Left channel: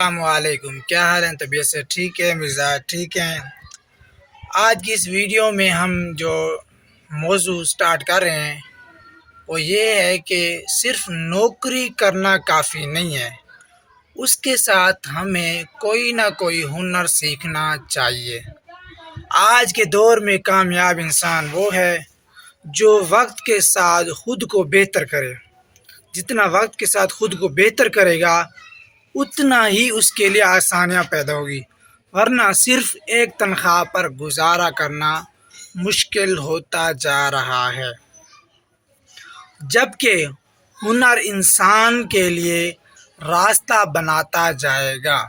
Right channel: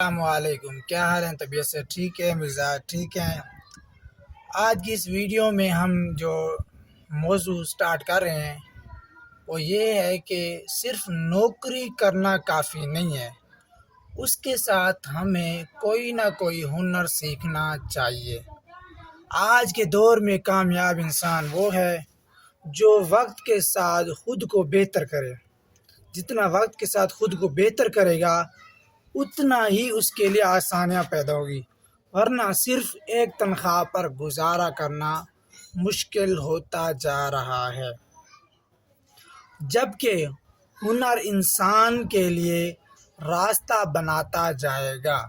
السلام علیکم، کیا حال ہے؟ طبیعت سے ٹھیک ہے؟ مزاج ٹھیک ہیں؟ آج کی اس ویڈیو میں ہم جو موضوع سٹارٹ کر رہے ہیں وہ یہ ہے کہ صرف نوکری کرنا کافی نہیں ہے، اس کے ساتھ ہمیں کوئی نہ کوئی ہنر سیکھنا چاہیے۔ آج کے دور میں کامیاب انسان وہ ہے جو وقت کے ساتھ خود کو بہتر کرے۔ جتنا وقت کے ساتھ خود کو بہتر کرے گا اتنا ہی اس کے لیے آسانیاں پیدا ہوگی، ورنہ صرف ایک تنخواہ پر گزارا کرنا مشکل ہوتا جا رہا ہے، جبکہ ہنر انسان کے لیے راستہ بناتا جائے گا۔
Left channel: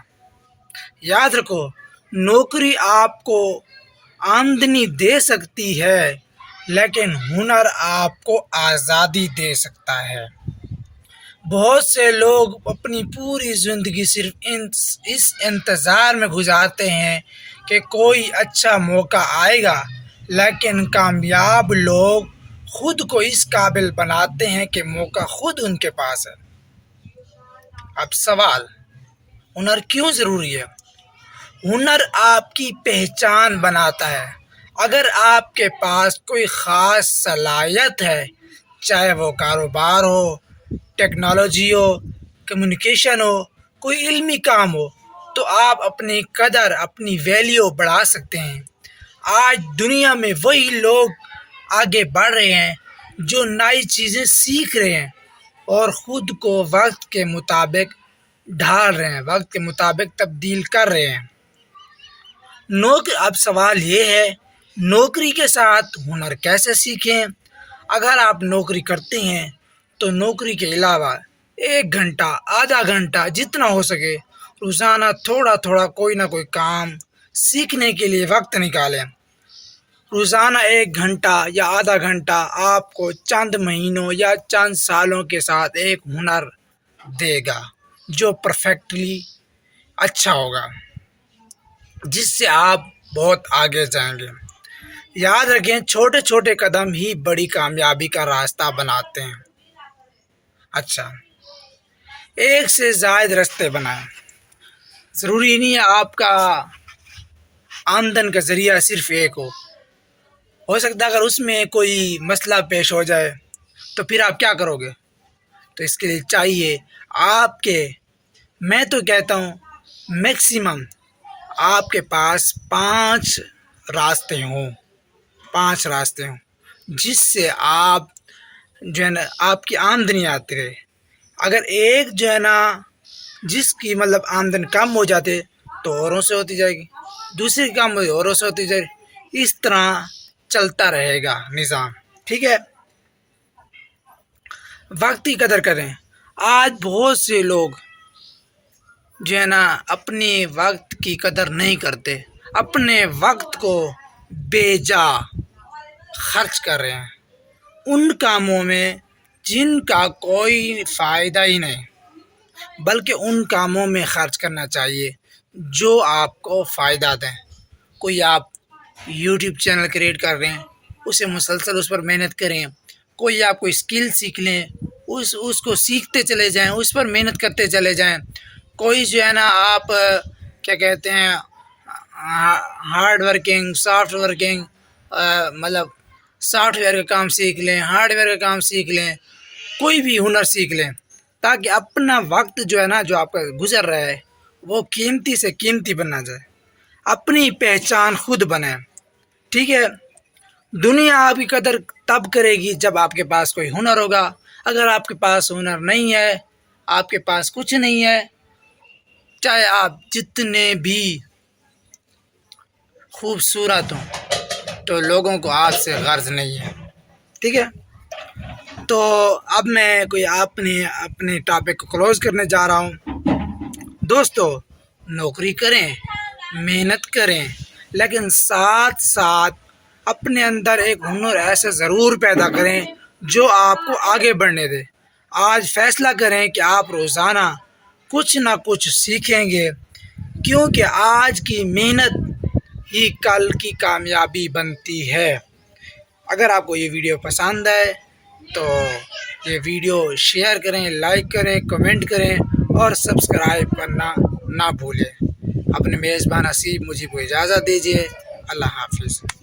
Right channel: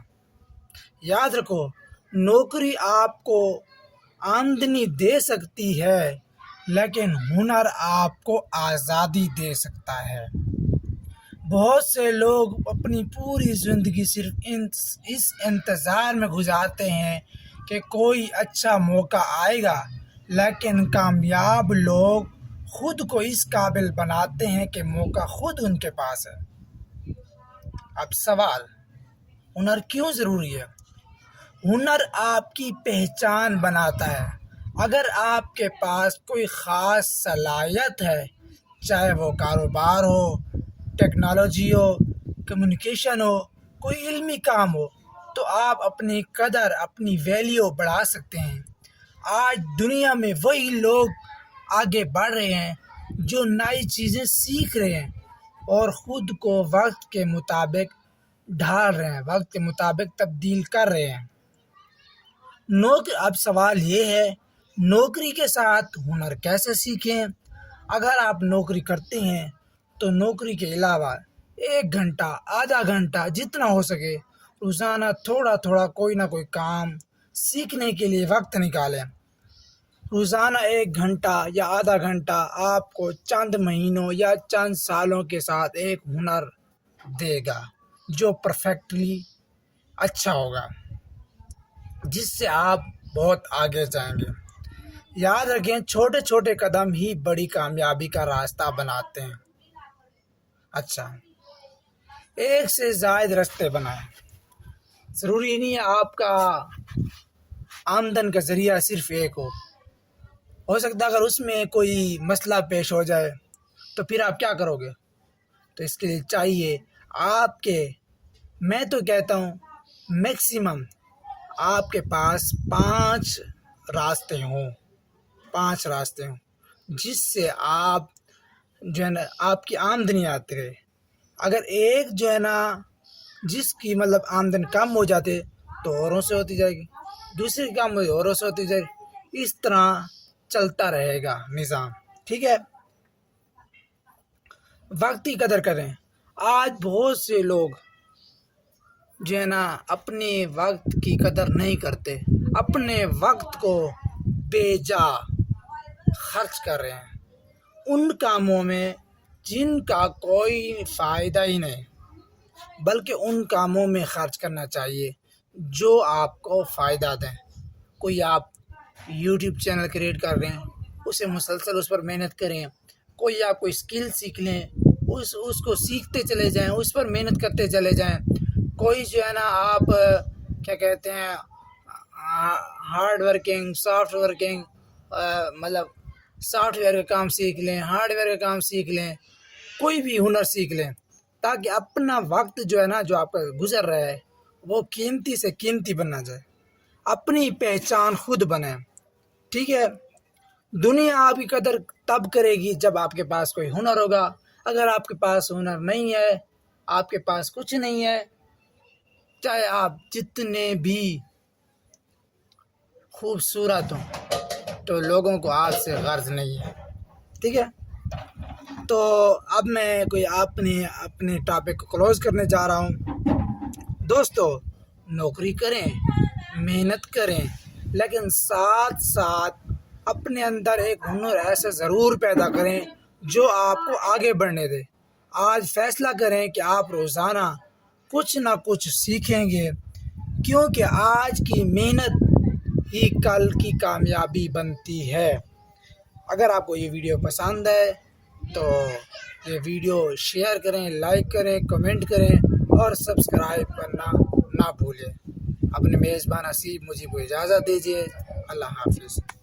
یاد رکھو، نوکری آپ کو آمدنی دے سکتی ہے لیکن ہنر آپ کو آزادی دے سکتا ہے۔ بہت سے لوگ اپنی پوری زندگی صرف اس انتظار میں گزارتے ہیں کہ کوئی اچھا موقع آئے گا، لیکن کامیاب لوگ خود کو اس قابل بناتے ہیں کہ موقع خود ان کے پاس ہے۔ اب سوال، ہنر کیوں ضروری ہے؟ ہنر آپ کی پہچان بناتا ہے۔ اگر آپ کے پاس کوئی خاص صلاحیت ہے، چاہے وہ کاروبار ہو، ٹیکنالوجی ہو، کمیونیکیشن ہو، کوئی علمی کام ہو، تو آپ اپنی قدر، اپنی ویلیو بڑھا سکتے ہیں۔ آج دنیا میں وہی لوگ آگے بڑھ رہے ہیں جو نئی چیزیں سیکھ رہے ہیں اور خود کو وقت کے مطابق ڈھال رہے ہیں، وقت کے مطابق تبدیل کر رہے ہیں۔ اب سوال یہ ہے، نوکری کے ساتھ ہنر کیسے سیکھیں؟ اگر آپ نوکری کرتے ہیں تو نوکری کے علاوہ 1 گھنٹہ، آدھا گھنٹہ، جتنا ہو سکے روزانہ تھوڑا تھوڑا کوئی نہ کوئی کام سیکھنے کے لیے وقت نکالیں۔ روزانہ 1 گھنٹہ یا آدھا گھنٹہ آپ کو چند مہینوں یا چند سالوں کے ساتھ ایک ہنر دے گا جو پرفیکٹلی اچھا ہوگا، جس سے آپ بہت آگے جائیں گے۔ یاد رکھیں، چھوٹے چھوٹے قدم ہی بڑی کامیابی کا راستہ بناتے ہیں۔ اچھا، 1 سے زائد راستے بنائیں۔ ضروری نہیں ہے آپ کا آمدن کا ذریعہ صرف ایک ہو سکتا ہے اگر اس میں کوئی مسئلہ پیش ہو جائے تو پھر آپ کیا کرو گے؟ تو اس کے لیے چاہیے میں تو کہتا ہوں میکسیمم آپ کے پاس 5 راستے ہوں، جس سے آپ آپ کی آمدنی آتی رہے۔ اگر ایک جس کی آمدن کم ہو جاتے تو اوروں سے ہوتی جائے گی، دوسری کم ہوئی اوروں سے ہوتی جائے گی، اس طرح چلتا رہے گا نظام، ٹھیک ہے؟ وقت کی قدر کریں۔ آج بہت سے لوگ اپنے وقت کی قدر نہیں کرتے، اپنے وقت کو بے جا خرچ کر رہے ہیں ان کاموں میں جن کا کوئی فائدہ ہی نہیں، بلکہ ان کاموں میں خرچ کرنا چاہیے جو آپ کو فائدہ دیں۔ کوئی آپ یوٹیوب چینل کریٹ کر رہے ہیں، اسے مسلسل اس پر محنت کریں۔ کوئی آپ کوئی اسکل سیکھ لیں، اس کو سیکھتے چلے جائیں، اس پر محنت کرتے چلے جائیں۔ کوئی آپ کیا کہتے ہیں hard working, soft working, soft where کا کام سیکھ لیں، ہارڈ ویئر کا کام سیکھ لیں، کوئی بھی ہنر سیکھ لیں تاکہ اپنا وقت جو آپ کا گزر رہا ہے وہ قیمتی سے قیمتی بننا جائے، اپنی پہچان خود بنائیں، ٹھیک ہے؟ دنیا آپ کی قدر تب کرے گی جب آپ کے پاس کوئی ہنر ہوگا۔ اگر آپ کے پاس ہنر نہیں ہے، آپ کے پاس کچھ نہیں ہے، چاہے آپ جتنے بھی خوبصورت ہوں تو لوگوں کو آپ سے غرض نہیں ہے، ٹھیک ہے؟ تو اب میں اپنے ٹاپک کو کلوز کرنے جا رہا ہوں۔ دوستو، نوکری کریں، محنت کریں، لیکن ساتھ ساتھ اپنے اندر ایک ہنر ایسا ضرور پیدا کریں جو آپ کو آگے بڑھنے دے۔ آج فیصلہ کریں کہ آپ روزانہ کچھ نہ کچھ سیکھیں گے، کیونکہ آج کی محنت ہی کل کی کامیابی بنتی ہے۔ اگر آپ کو یہ ویڈیو پسند آئے تو یہ ویڈیو شیئر کریں، لائک کریں، کمنٹ کریں اور سبسکرائب کرنا نہ بھولیں۔ اپنے میزبان حسیب مجھے کو اجازت دیجیے۔ اللہ حافظ۔